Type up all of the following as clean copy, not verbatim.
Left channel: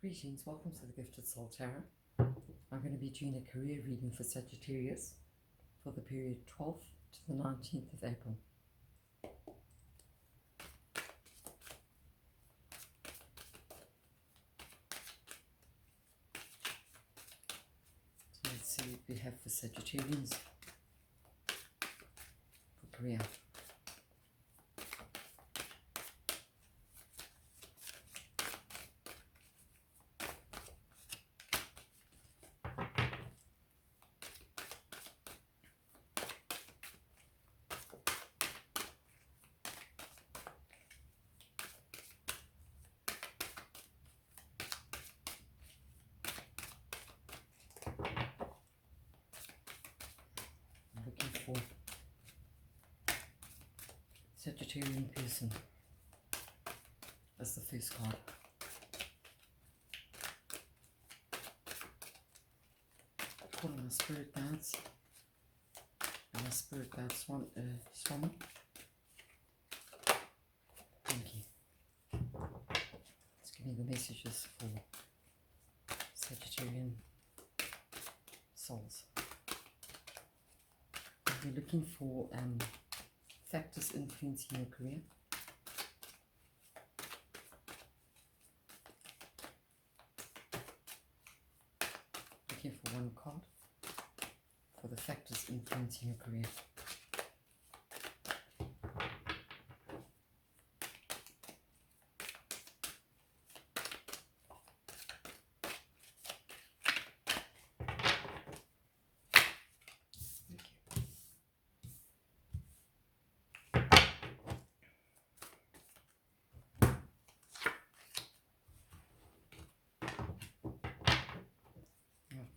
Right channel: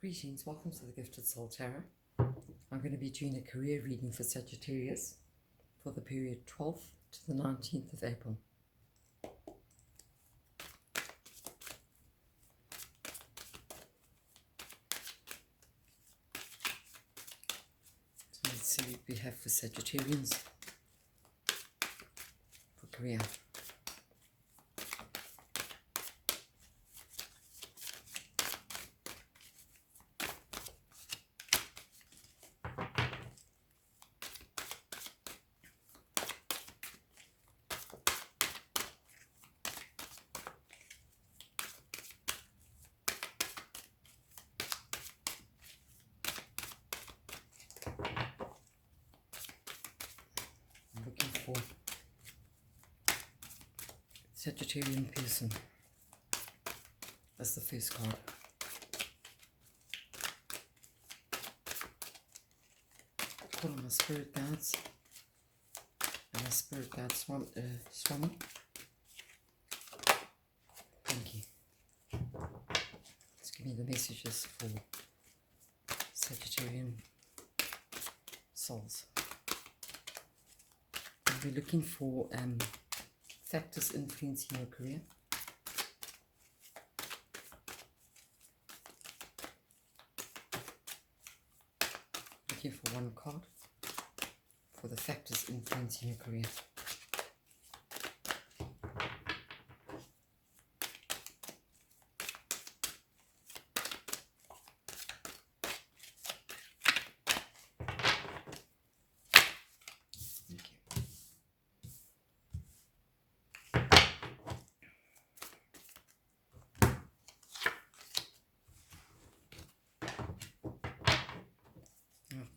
Greetings, welcome to the Gifted Soul Tarot. I'm going to be doing a career reading for Sagittarius for the period 12th to the 19th of April. So let's see what we have for Sagittarians for career. Looking for Sagittarian person. That's the first card. Call on my spirit guides. And my spirit guides Swami. Thank you. Let's give me the messages for Sagittarian souls. We're looking for factors influencing your career. Looking for one card for the factors influencing your career.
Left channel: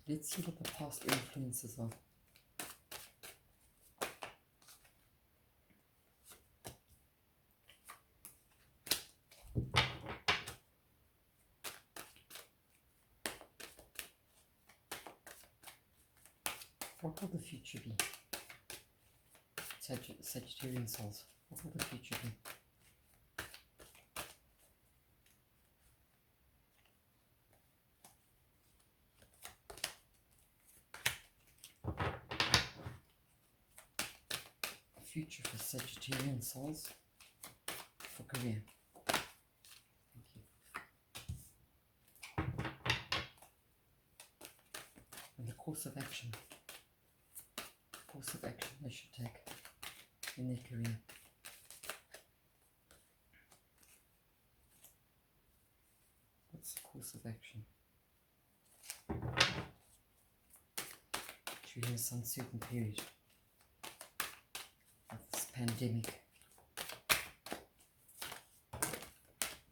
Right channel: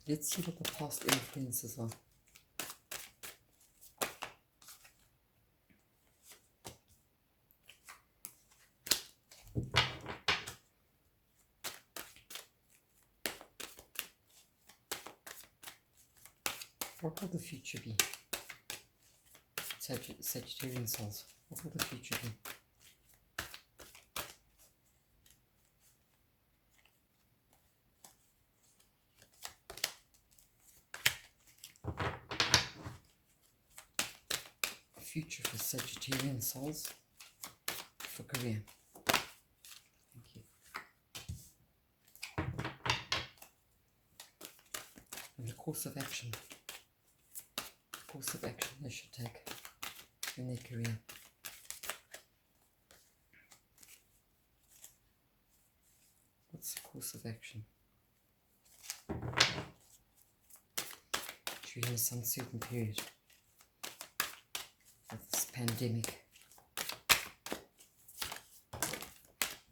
Let's see what the past influences are. What will the future be? Sagittarian souls, what will the future be? Future for Sagittarian souls for career. Thank you. And the course of action. Course of action they should take in their career. What's the course of action during this uncertain period of this pandemic?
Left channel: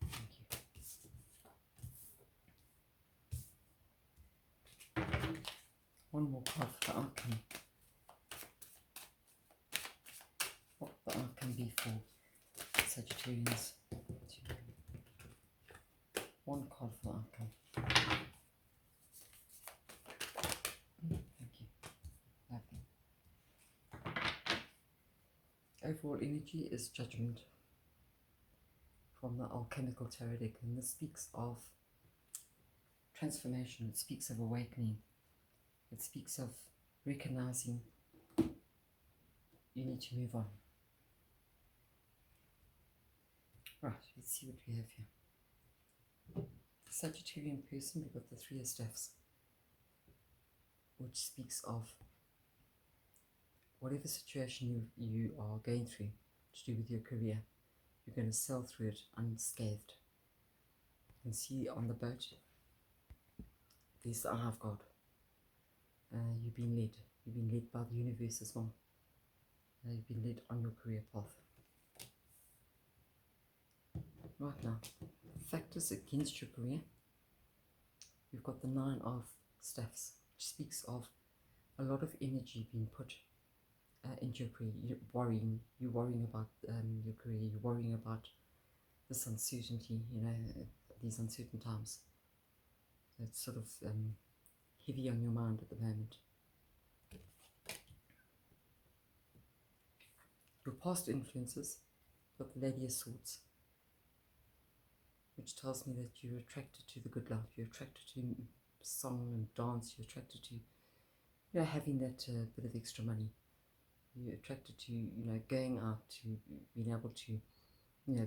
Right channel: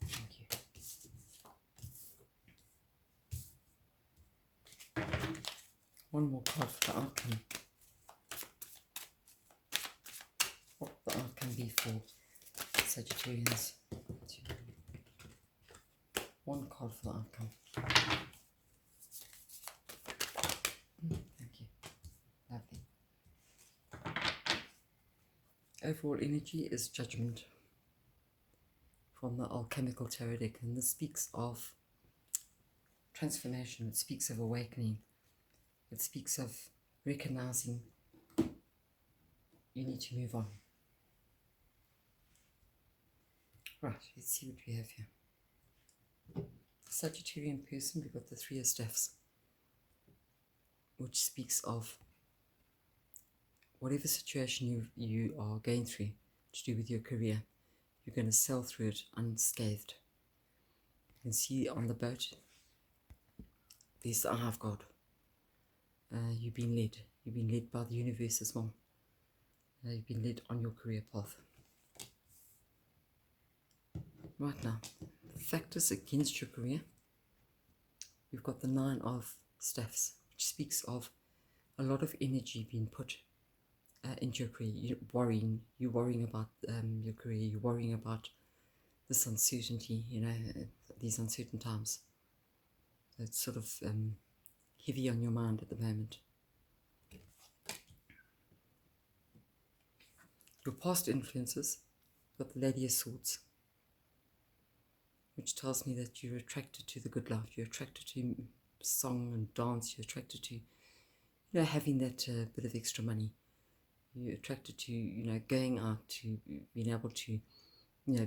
Thank you. One more card for the outcome. What will the outcome be for Sagittarians? One card for the outcome. Thank you. Lovely. Overall energy is judgment from the alchemical tarot deck, and this speaks of transformation. It speaks of awakening. It speaks of recognizing you need to move on. Right, let's see what we have here. Sagittarian person, we've got the Three of Staffs, which speaks of whatever situation you are going through to do with your career, you're going to sail through it unscathed. You can see on the boat, there's the eye of God. You've been led by the universe as well. You've been led on your career path. Right now, factors against your career. We've got the Nine of Staffs, which speaks of a lot of energy being put into your career. You're worrying about your career. You're worrying about this uncertainty. These uncertain times. It's sort of heavy on your mind at the moment. Your past influences. Got the Lady of Swords. which tells me that you're attracted to the good life, you're attracted to song and dance, you're attracted to, having that bit of extra money. You're attracted to, going out, to being able to,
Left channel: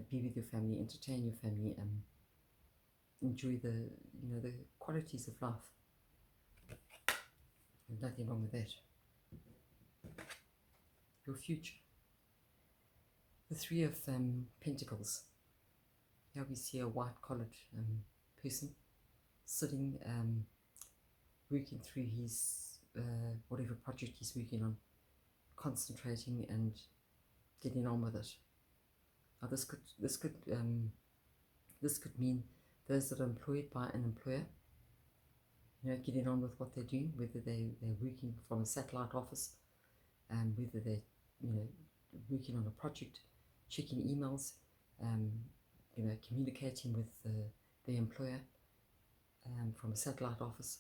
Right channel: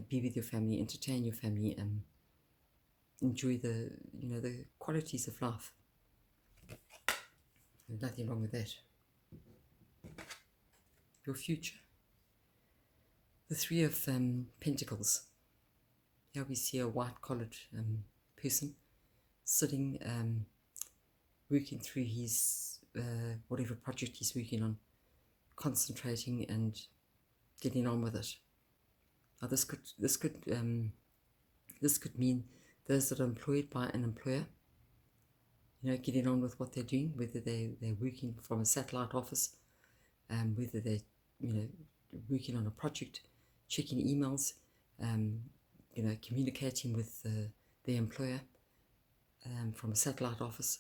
be with your family, entertain your family, enjoy the, the qualities of life. There's nothing wrong with that. Your future. The Three of Pentacles. Here we see a white-collared person sitting, working through his whatever project he's working on, concentrating and getting on with it. Now this could mean those that are employed by an employer, getting on with what they're doing, whether they're working from a satellite office, whether they're working on a project, checking emails, communicating with their employer from a satellite office.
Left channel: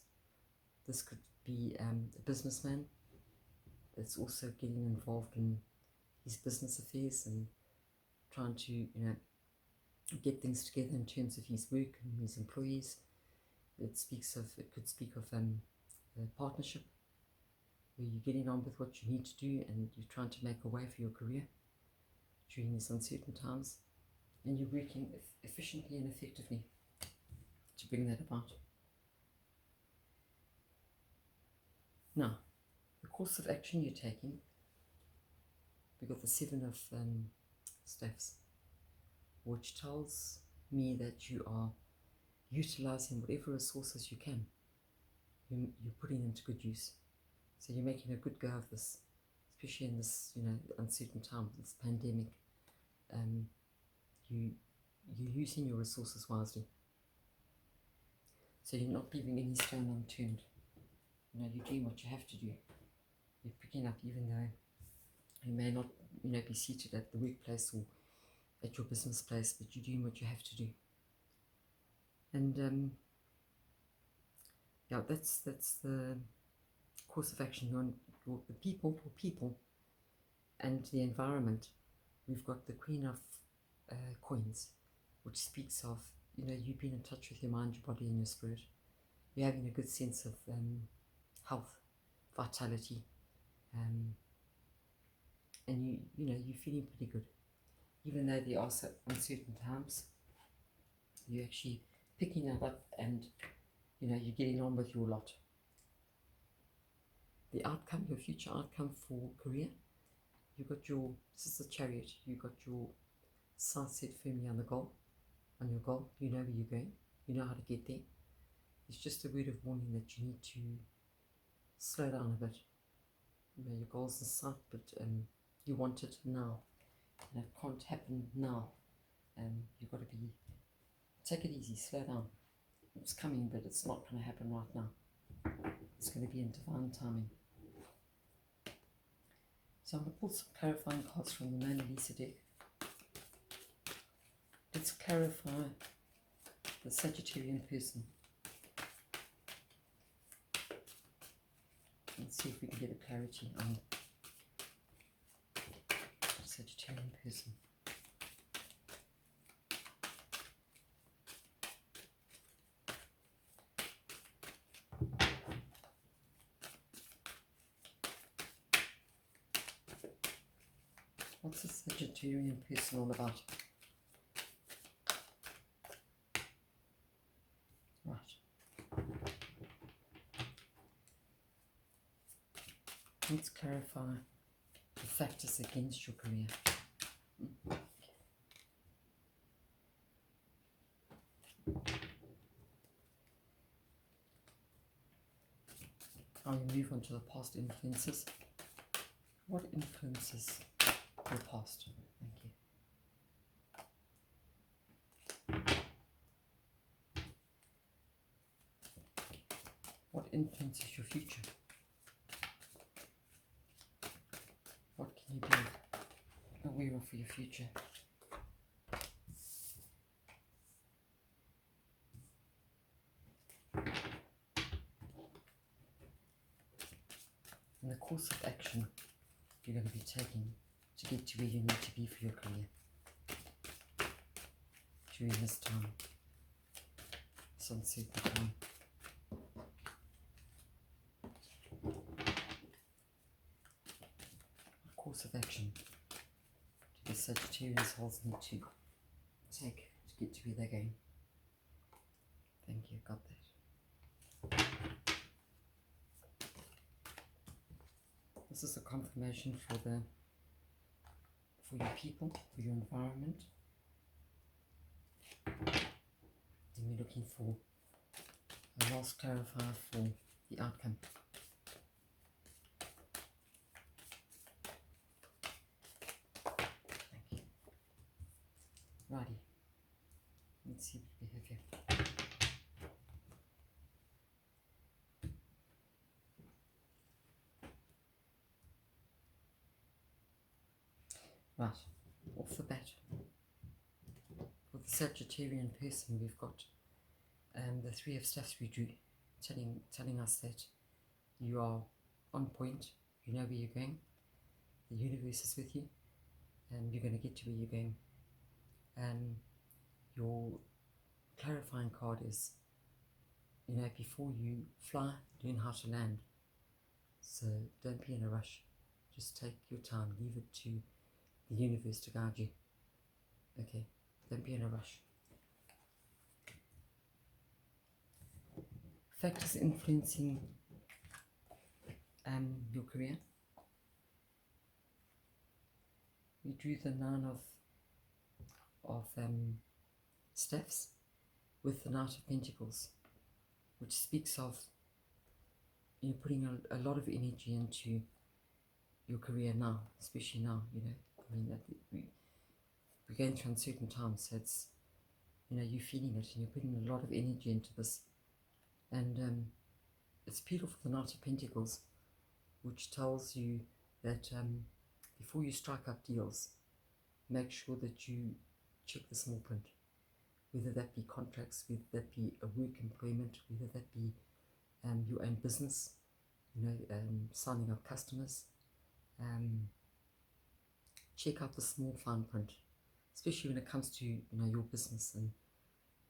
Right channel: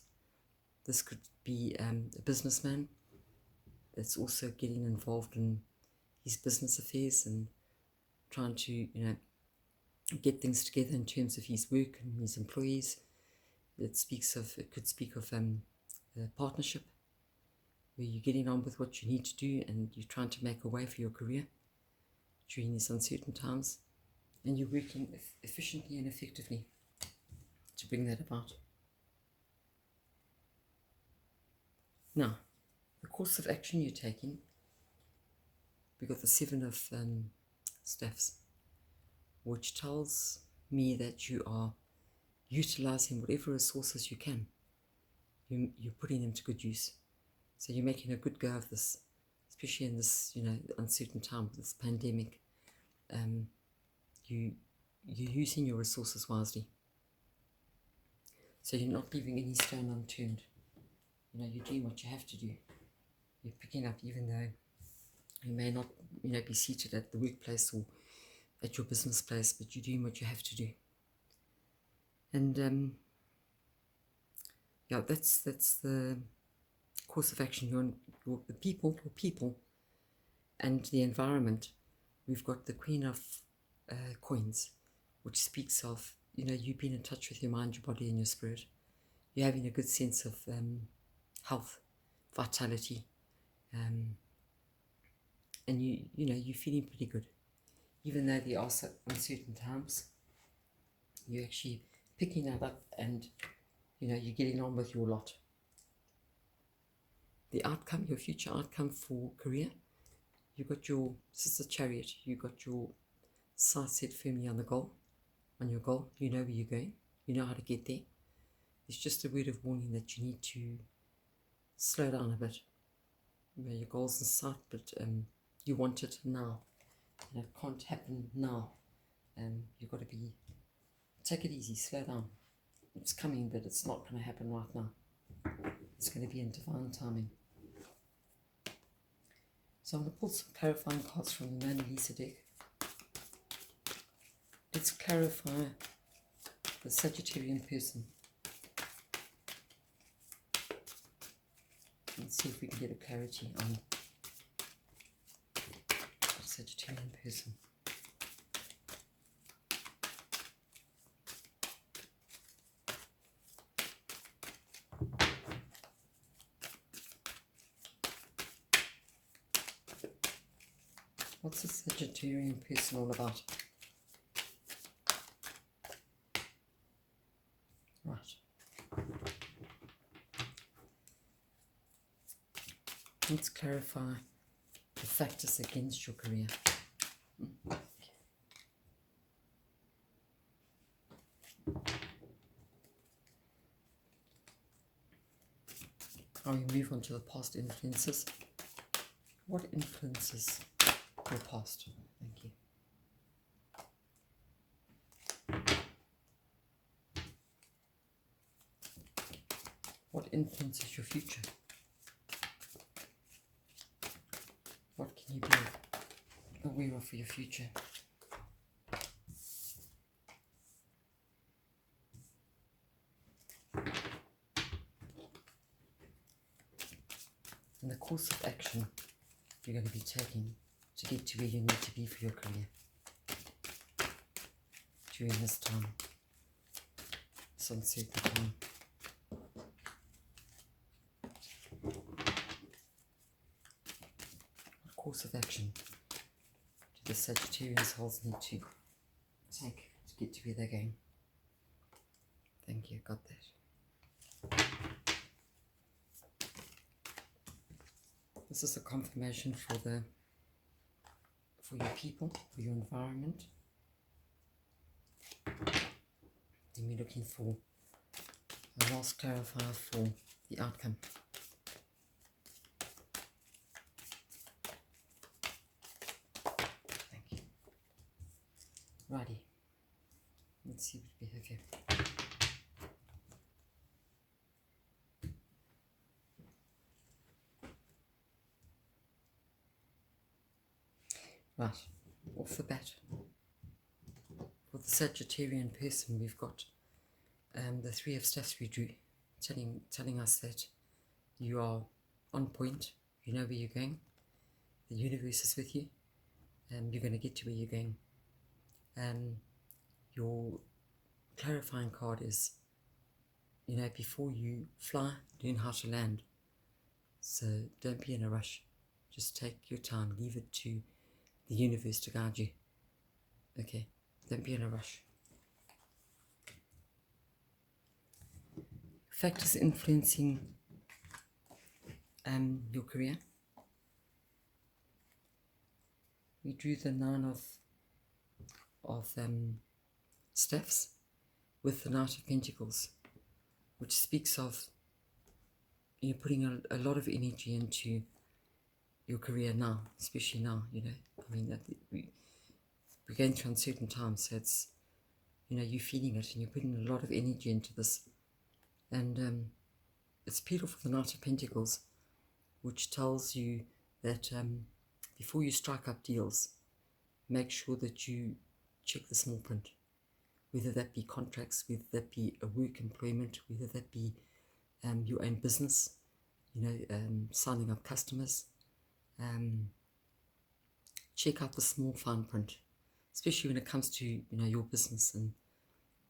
This could be a businessman that's also getting involved in his business affairs and trying to get things together in terms of his work and his employees. It could speak of a partnership where you're getting on with what you need to do and you're trying to make a way for your career during these uncertain times, and you're working efficiently and effectively to bring that about. Now, the course of action you're taking, we've got the Seven of Staffs, which tells me that you are utilizing whatever resources you can. You're putting them to good use. So you're making a good go of this, especially in this, uncertain time, this pandemic. You're using your resources wisely. So you're not leaving any stone unturned. You're doing what you have to do. You're picking up, even though you may not, be seated at the workplace or at your business place, but you're doing what you have to do. And that's the course of action. Your people and the environment. We've got the Queen of Coins, which speaks of you being in touch with your mind, your body, and your spirit. You're having a good sense of health, vitality, and you're feeling pretty good, even though there are uncertain times. You're actually picking that up, and you're getting on with your lot. The outcome, your future outcome for career, you've got this is a Chariot. You've got your sights set firmly on your goal. You know where you're going. You know how to get there. It's just a word of warning that you need to slow down a bit. Your goal's in sight, but you want it now. And it can't happen now. You've got to take it easy, slow down. It's coming, but it's not going to happen right now. It's going to be in divine timing. So I'm going to pull some clarifying cards from the Mona Lisa deck. Let's clarify the Sagittarian person. Let's see if we can get a clarity on the Sagittarian person. What's a Sagittarian person all about? Right. Let's clarify the factors against your career. Now we move on to the past influences. What influences your past? Thank you. What influences your future? What can you be aware of for your future? And the course of action you're going to be taking to get to where you need to be for your career during this time. this uncertainty. Course of action do the Sagittarius souls need to take to get to where they're going? Thank you, got that. This is a confirmation for your people, for your environment. Then we're looking for a last clarifier for the outcome. Thank you. Righty. Let's see what we have here. Right, off the bat, for the Sagittarian person, we've got the Three of Staffs we drew, telling us that you are on point, you know where you're going, the universe is with you, and you're going to get to where you're going. Your clarifying card is, before you fly, learn how to land. So don't be in a rush. Just take your time, leave it to the universe to guide you. Okay, don't be in a rush. Factors influencing your career. We drew the Nine of Staffs with the Knight of Pentacles, which speaks of you putting a lot of energy into your career now, especially now. We're going through uncertain times, so it's you're feeling it and you're putting a lot of energy into this, and it's beautiful, the Knight of Pentacles, which tells you that before you strike up deals, make sure that you check the small print, whether that be contracts, whether that be a work employment, whether that be your own business, signing up customers. Check out the small fine print, especially when it comes to your business and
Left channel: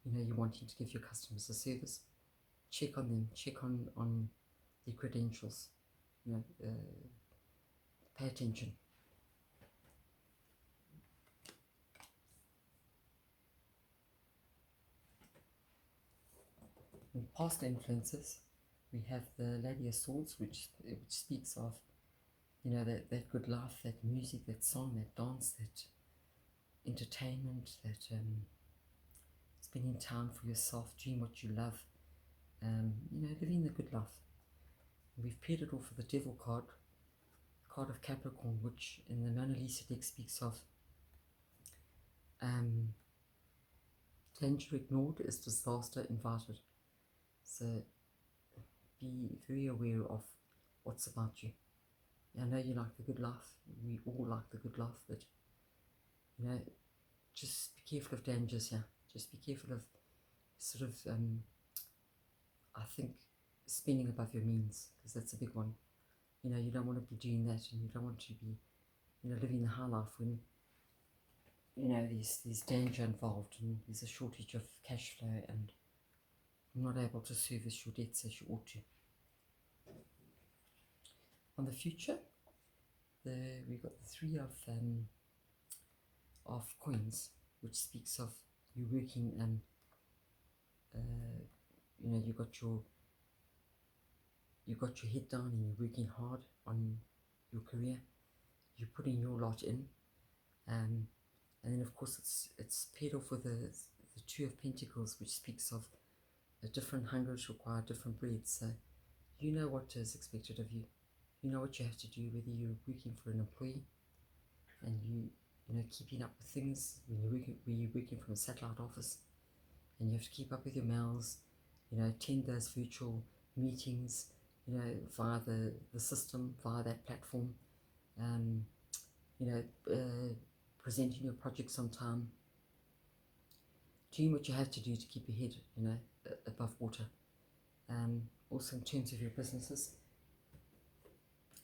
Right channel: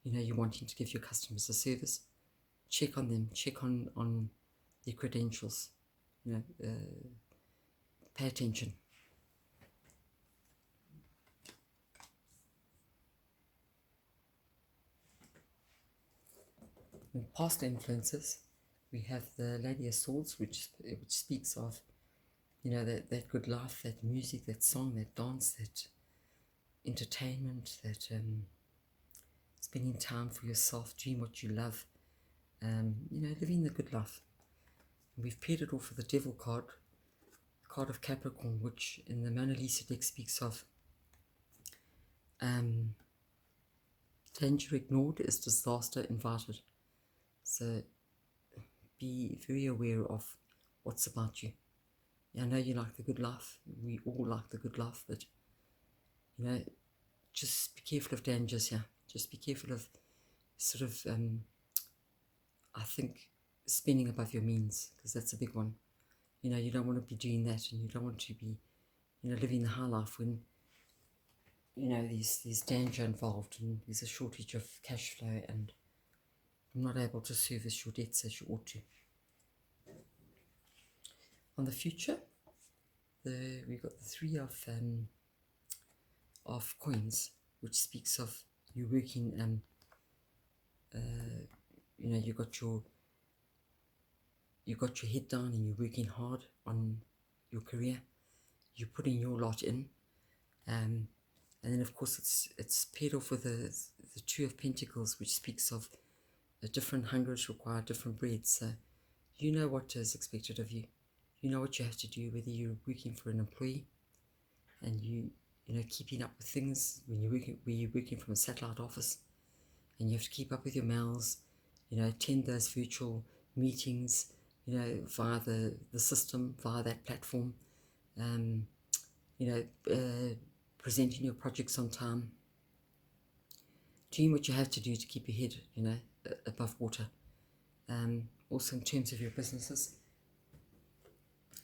you're wanting to give your customers a service. Check on them, check on their credentials, pay attention. In past influences, we have the Lady of Swords, which speaks of that good life, that music, that song, that dance, that entertainment, that spending time for yourself, doing what you love, living the good life. And we've paired it off with the Devil card, the card of Capricorn, which in the Mona Lisa deck speaks of danger ignored is disaster invited. So be very aware of what's about you. I know you like the good life. We all like the good life, but just be careful of dangers here. Just be careful of sort of, I think, spending above your means, because that's a big one. You don't want to be doing that, and you don't want to be, living the high life when, there's danger involved, and there's a shortage of cash flow, and you're not able to service your debts as you ought to. On the future, we've got the Three of Coins, which speaks of you working and you got your head down and you're working hard on your career. You're putting your lot in, and then of course it's paired off with the Two of Pentacles, which speaks of a different hungers require different bread. So you know what is expected of you. You know what you have to do, whether you're working for an employee and keeping up with things when you're working from a satellite office, and you have to keep up with your mails, attend those virtual meetings, via the system, via that platform, presenting your projects on time, doing what you have to do to keep your head, above water. Also in terms of your businesses,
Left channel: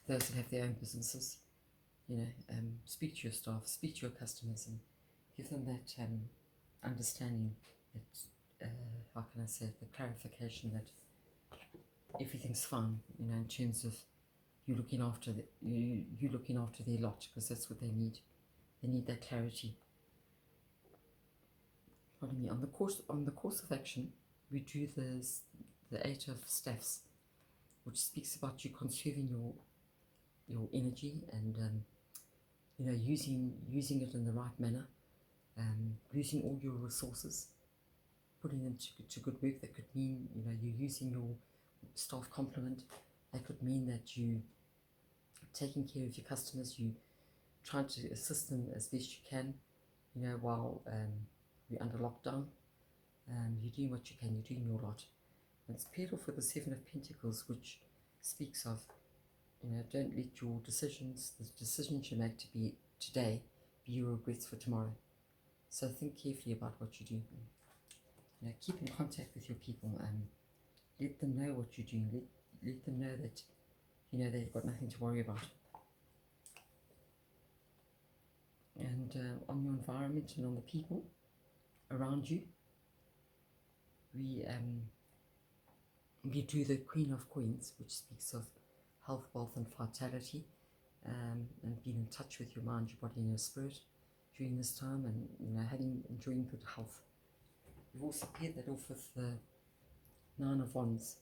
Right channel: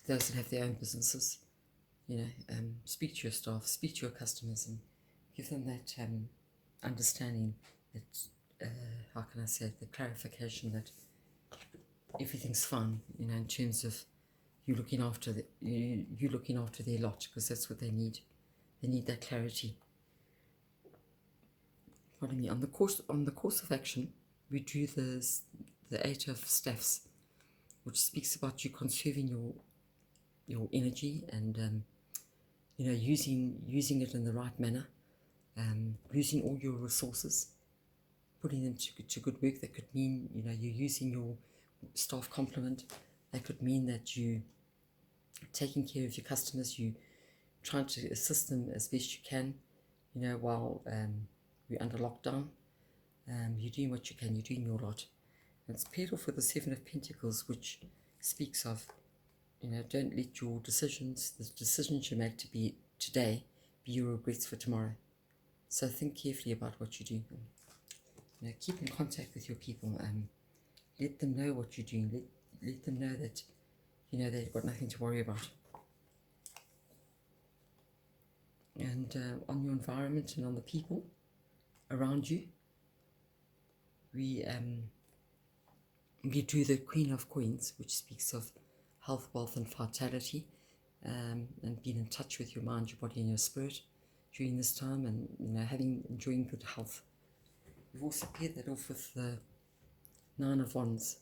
those that have their own businesses, speak to your staff, speak to your customers, and give them that understanding that how can I say it, the clarification that everything's fine, you know, in terms of you looking after you looking after their lot, because that's what they need. They need that clarity. Pardon me. On the course of action, we drew the Eight of Staffs, which speaks about you conserving your energy and you know, using it in the right manner, using all your resources, putting them to good work. That could mean, you know, you're using your staff complement. That could mean that you taking care of your customers, you trying to assist them as best you can, you know, while we're under lockdown. You're doing what you can, you're doing your lot. And it's paired off with the Seven of Pentacles, which speaks of, you know, don't let your decisions, the decisions you make today, be your regrets for tomorrow. So think carefully about what you do. You know, keep in contact with your people and let them know what you're doing. Let them know that, you know, they've got nothing to worry about. And on your environment and on the people around you, we do the Queen of Coins, which speaks of health, wealth, and vitality, and being in touch with your mind, your body, and your spirit during this time, and, you know, enjoying good health. We've also paired that off with the Nine of Wands,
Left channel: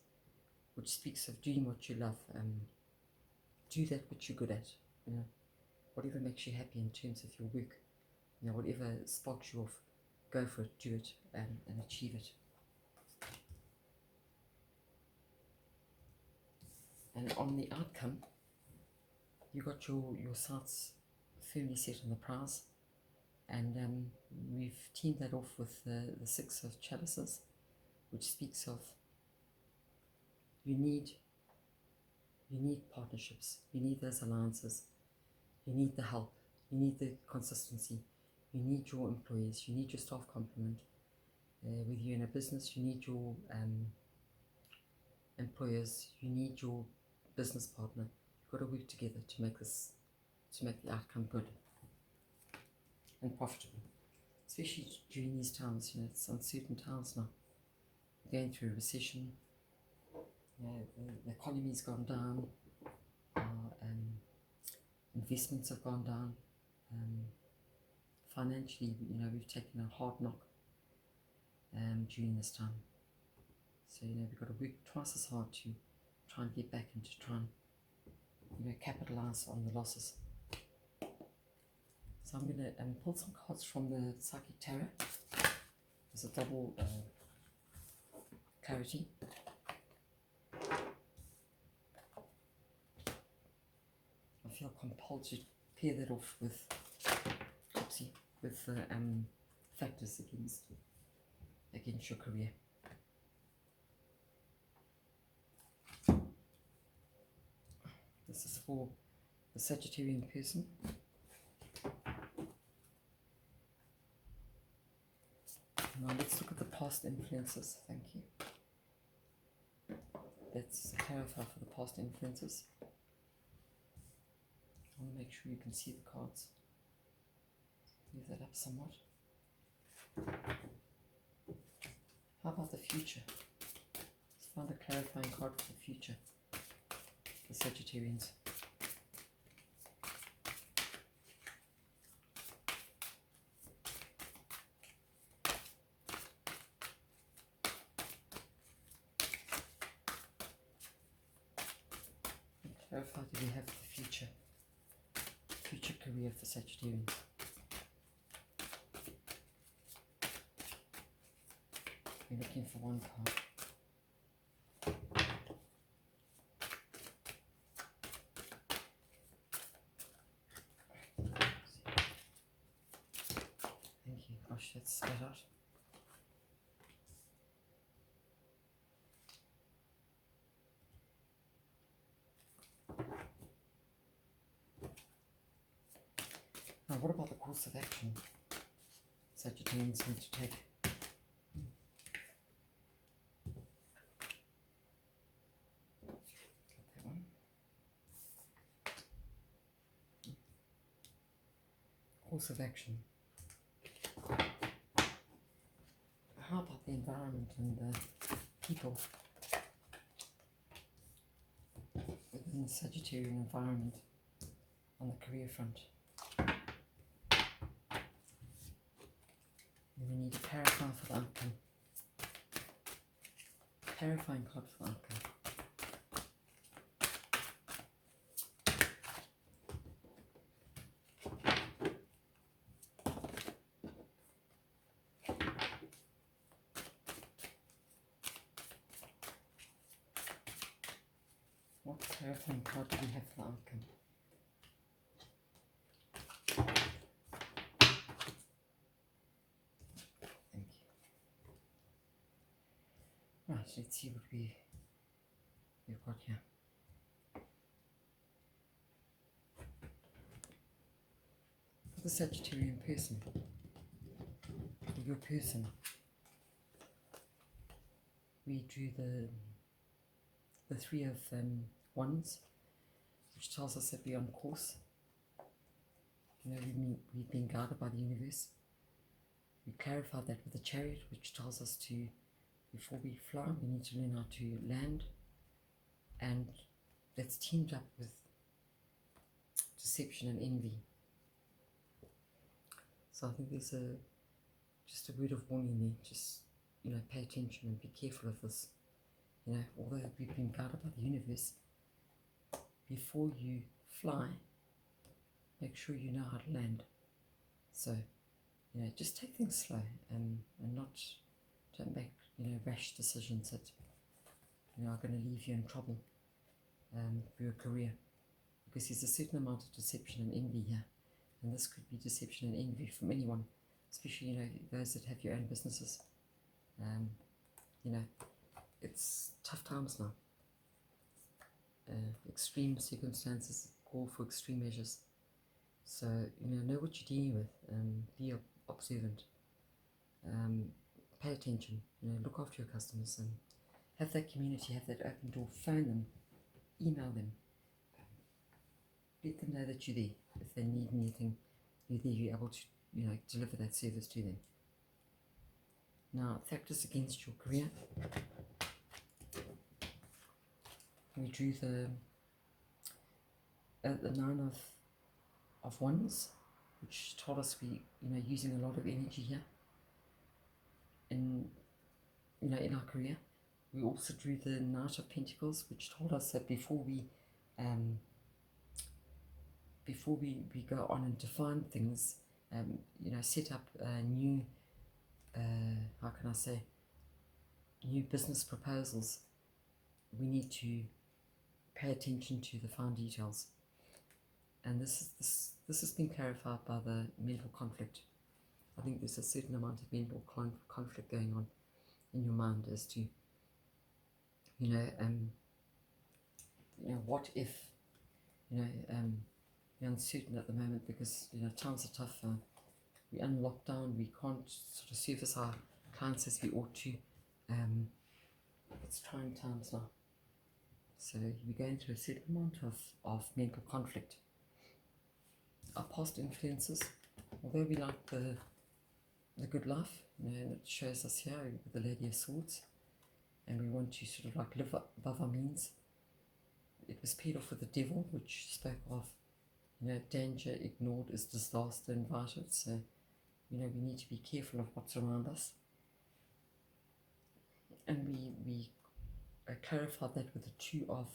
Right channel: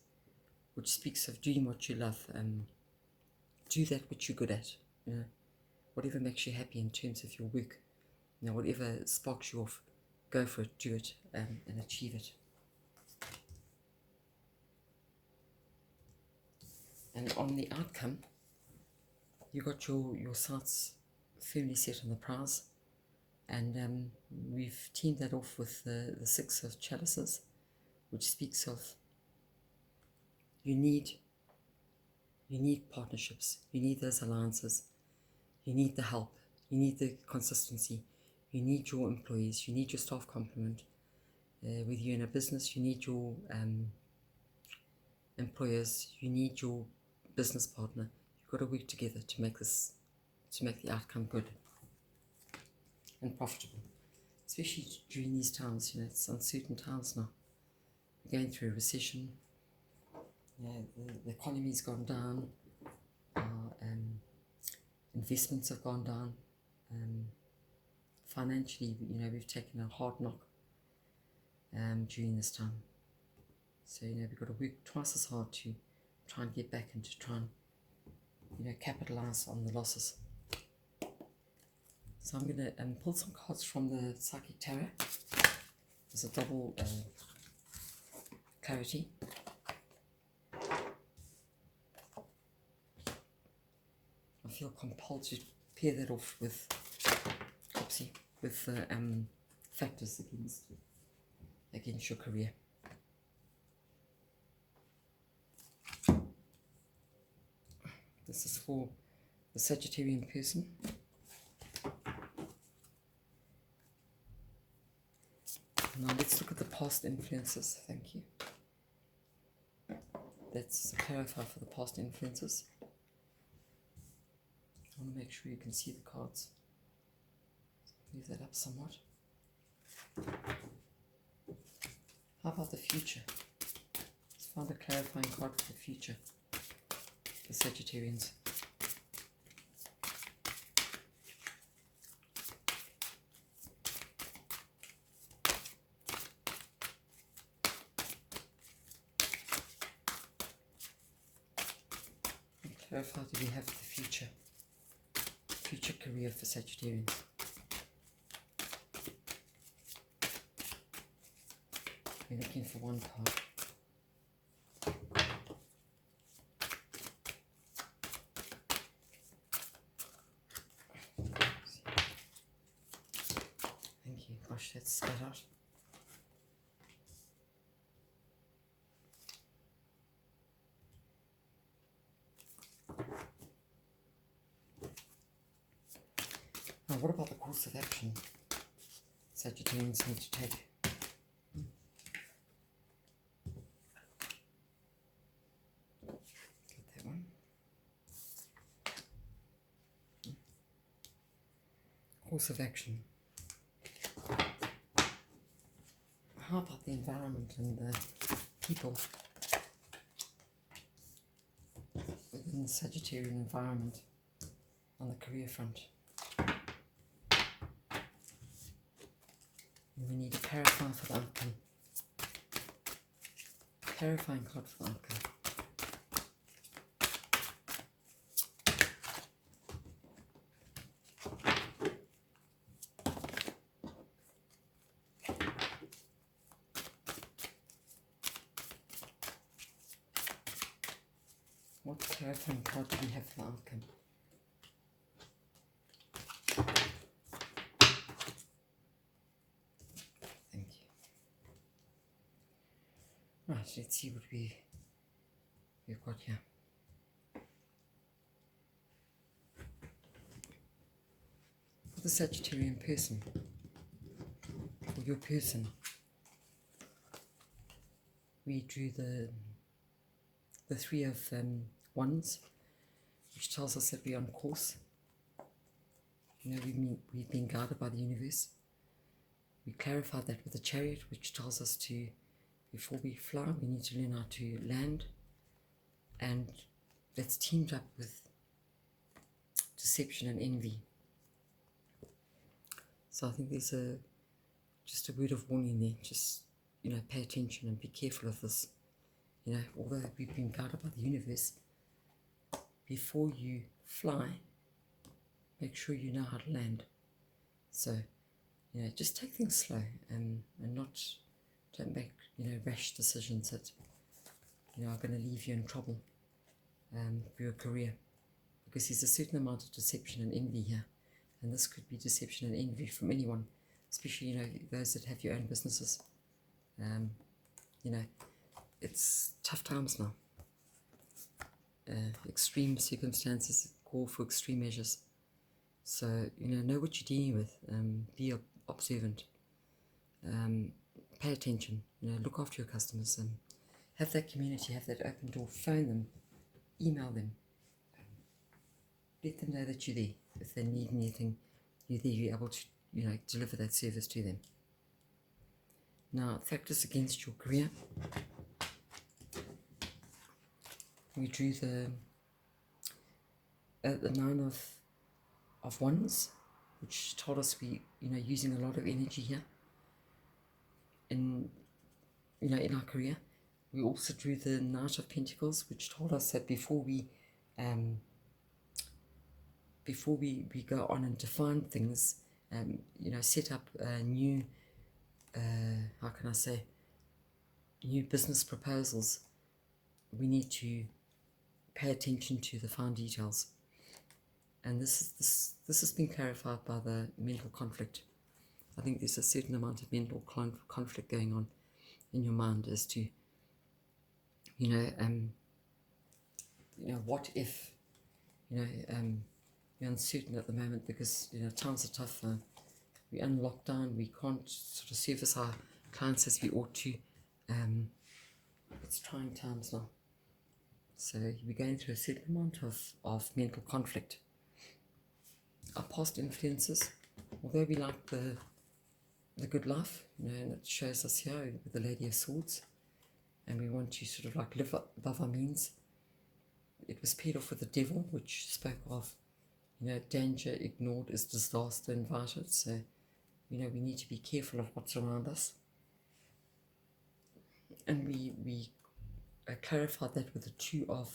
which speaks of doing what you love and do that which you're good at. You know, whatever makes you happy in terms of your work, you know, whatever sparks you off, go for it, do it, and achieve it. And on the outcome, you got your sights firmly set on the prize, and we've teamed that off with the Six of Chalices, which speaks of you need partnerships, you need those alliances, you need the help, you need the consistency, you need your employees, you need your staff complement. Whether you're in a business, you need your employers, you need your business partner. You've got to work together to make the outcome good and profitable, especially during these times. You know, it's uncertain times now. We're going through a recession. You know, the economy's gone down. Our investments have gone down. Financially, you know, we've taken a hard knock during this time. So, you know, we've got to work twice as hard to try and get back and to try and, you know, capitalize on the losses. So I'm going to pull some cards from the Psychic Tarot. There's a double clarity. I feel compelled to pair that off with, factors against your career. This is for the Sagittarian person. Now let's look at the past influences. Thank you. Let's clarify for the past influences. I want to make sure you can see the cards. Move that up somewhat. How about the future? Let's find a clarifying card for the future. The Sagittarians. Clarify, do we have the future career for Sagittarians? We're looking for one card. Thank you. Gosh, that's spat out. Now, what about the course of action Sagittarians need to take? Get that one. Course of action. how about the environment and the people within the Sagittarian environment on the career front? And we need a clarifying for the outcome. Clarifying card for the outcome. What clarifying card do we have for the outcome? Thank you. Right, let's see what we've got here. For the Sagittarian person, for your person, we drew the Three of Wands, which tells us that we're on course. You know, we've been guided by the universe. We clarified that with the Chariot, which tells us to, before we fly, we need to learn how to land, and that's teamed up with deception and envy. So I think there's just a word of warning there. Just, you know, pay attention and be careful of this. You know, although we've been guided by the universe, before you fly, make sure you know how to land. So, you know, just take things slow and don't make, you know, rash decisions that, you know, are going to leave you in trouble for your career. Because there's a certain amount of deception and envy here. And this could be deception and envy from anyone, especially, you know, those that have your own businesses. You know, it's tough times now. Extreme circumstances call for extreme measures. So, you know what you're dealing with. Be observant. Pay attention. You know, look after your customers and have that community, have that open door. Phone them, email them. Let them know that you're there. If they need anything, you're there. You're able to, you know, deliver that service to them. Now, factors against your career. We drew the Nine of Wands, which told us we, you know, using a lot of energy here in, you know, in our career. We also drew the Knight of Pentacles, which told us that before we go on and define things, you know, set up new, how can I say, new business proposals, we need to pay attention to the fine details. And this has been clarified by the mental conflict. I think there's a certain amount of mental conflict going on in your mind as to, you know, what if, you know, you're uncertain at the moment because, you know, times are tough. We're in lockdown. We can't sort of service our clients as we ought to. It's trying times now. So we're going through a certain amount of mental conflict. Our past influences, although we like the good life, you know, and it shows us here with the Lady of Swords, and we want to sort of like live above our means. It was paired off with the Devil, which spoke of, you know, danger ignored is disaster invited. So, you know, we need to be careful of what's around us. And we clarified that with the Two of,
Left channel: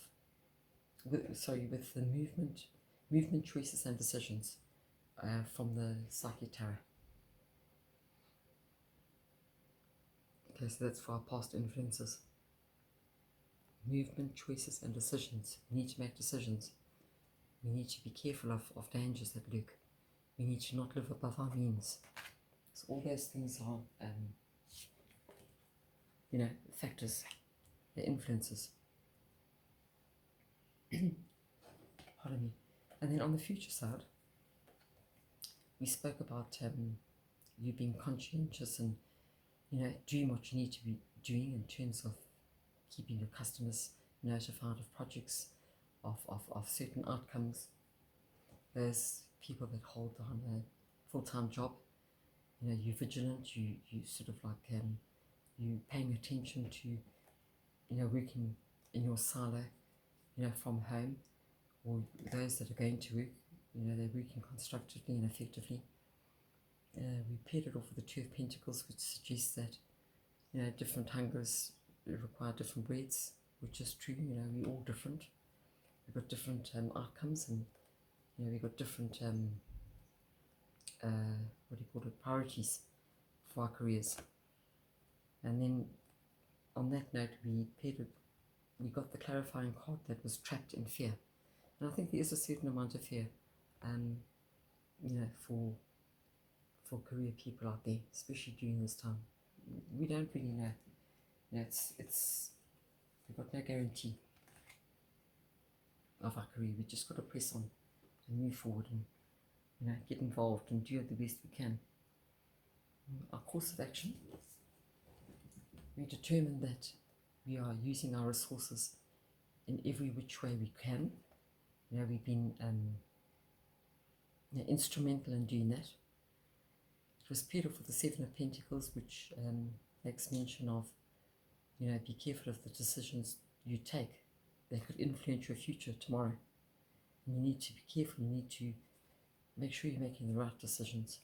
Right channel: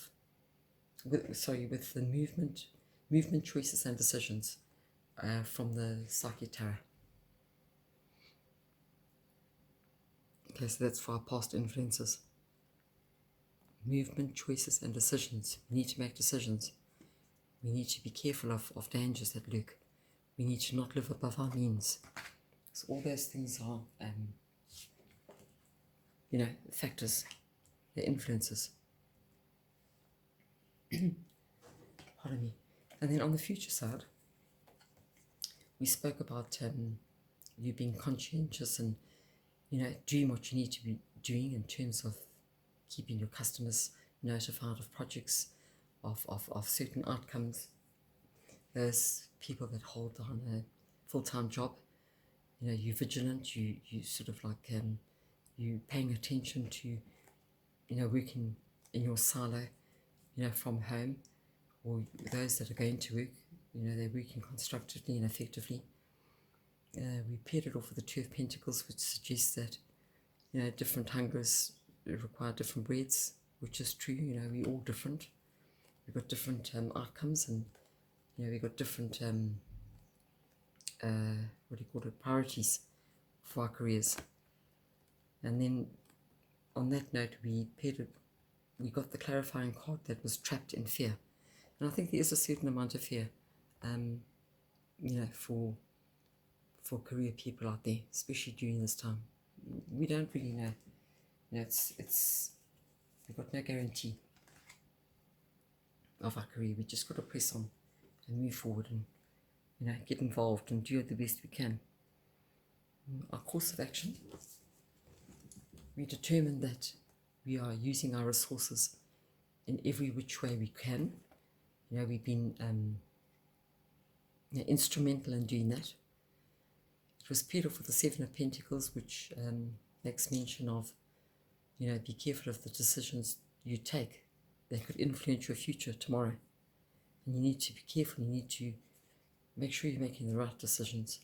with the movement, choices and decisions from the Sagittarius. Okay, so that's for our past influences. Movement, choices and decisions. We need to make decisions. We need to be careful of dangers that lurk. We need to not live above our means. So all those things are, you know, factors, they're influences. Pardon me. And then on the future side, we spoke about you being conscientious and, you know, doing what you need to be doing in terms of keeping your customers notified of projects, of certain outcomes. Those people that hold down a full-time job, you know, you're vigilant, you sort of like you paying attention to, working in your silo, from home, or those that are going to work, they're working constructively and effectively. We paired it off with the Two of Pentacles, which suggests that, different hungers require different breeds, which is true. We're all different. We've got different outcomes, and, we've got different, priorities for our careers. And then on that note, we got the clarifying card that was trapped in fear. And I think there is a certain amount of fear, for career people out there, especially during this time. We don't really know. We've got no guarantee of our career. We just got to press on and move forward and, get involved and do the best we can. Our course of action, we determined that we are using our resources in every which way we can. We've been instrumental in doing that. It was paired off with the Seven of Pentacles, which makes mention of, be careful of the decisions you take. They could influence your future tomorrow. And you need to be careful. You need to make sure you're making the right decisions.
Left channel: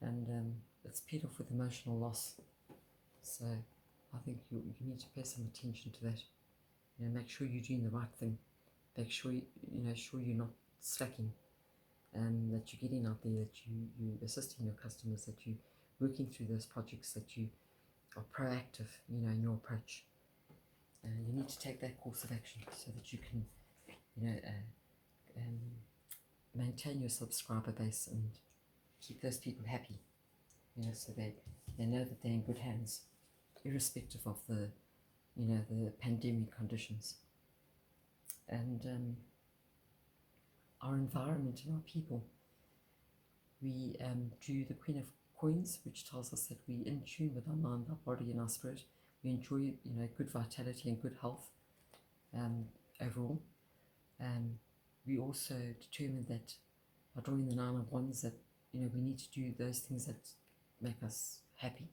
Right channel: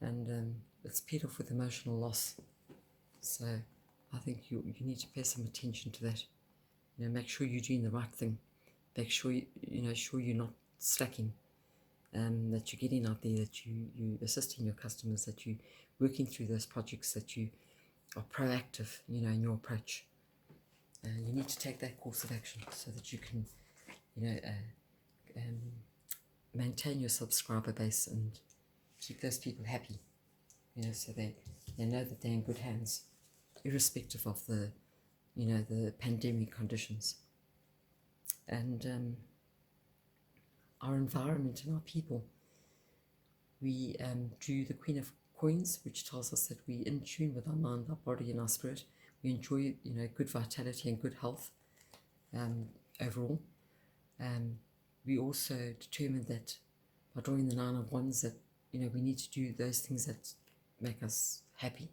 And it's paired off with emotional loss. So I think you need to pay some attention to that. Make sure you're doing the right thing. Make sure sure you're not slacking. That you're getting out there, that you're assisting your customers, that you're working through those projects, that you are proactive, in your approach. You need to take that course of action so that you can, maintain your subscriber base and keep those people happy, so they know that they're in good hands, irrespective of the, the pandemic conditions. And our environment and our people. We drew the Queen of Coins, which tells us that we're in tune with our mind, our body, and our spirit. We enjoy, good vitality and good health overall. We also determined that by drawing the Nine of Wands that, we need to do those things that make us happy.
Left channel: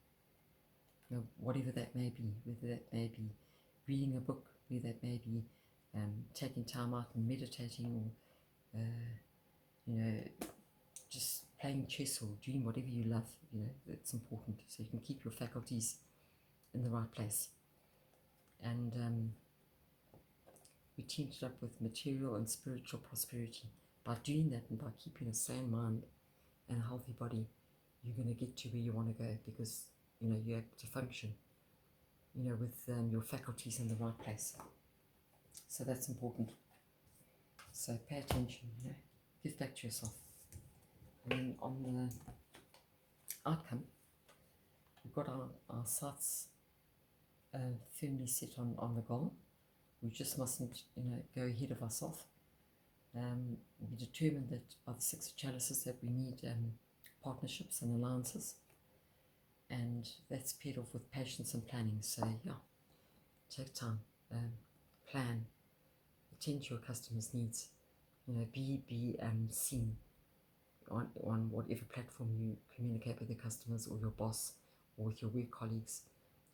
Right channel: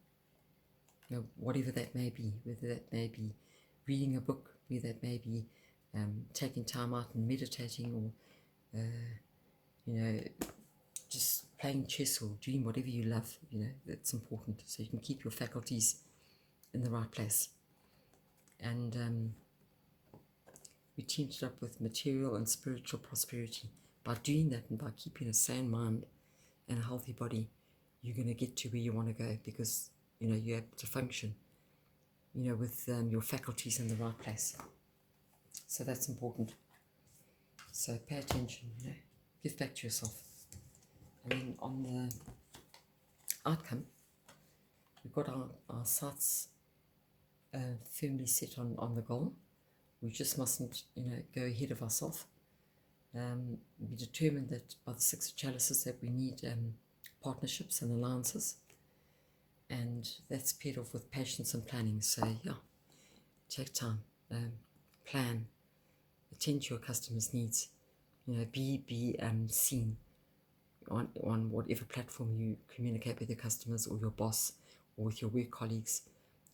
Whatever that may be, whether that may be reading a book, whether that may be taking time out and meditating, or just playing chess or doing whatever you love. That's important, so you can keep your faculties in the right place. And we teamed it up with material and spiritual prosperity. By doing that and by keeping a sane mind and a healthy body, you're going to get to where you want to go, because you're able to function with your faculties in the right place. So that's important. So pay attention, give back to yourself. And then on the outcome, we've got our sights firmly set on the goal. We just mustn't, go ahead of ourselves. We determined that by the Six of Chalices that we need partnerships and alliances. And that's paired off with patience and planning. So take time, plan, attend to your customers' needs. Be seen on whatever platform you communicate with your customers or your boss or with your work colleagues,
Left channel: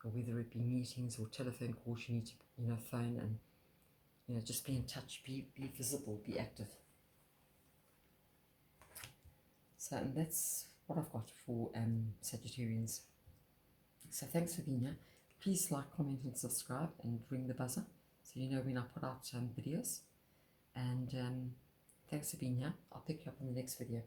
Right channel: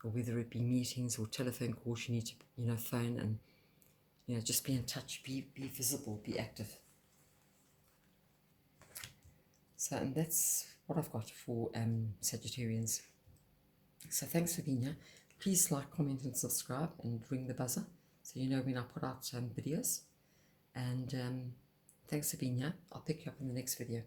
or whether it be meetings or telephone calls. You need to phone and just be in touch, be visible, be active. So, and that's what I've got for Sagittarians. So thanks for being here. Please like, comment and subscribe, and ring the buzzer so you know when I put out videos. And thanks for being here. I'll pick you up in the next video.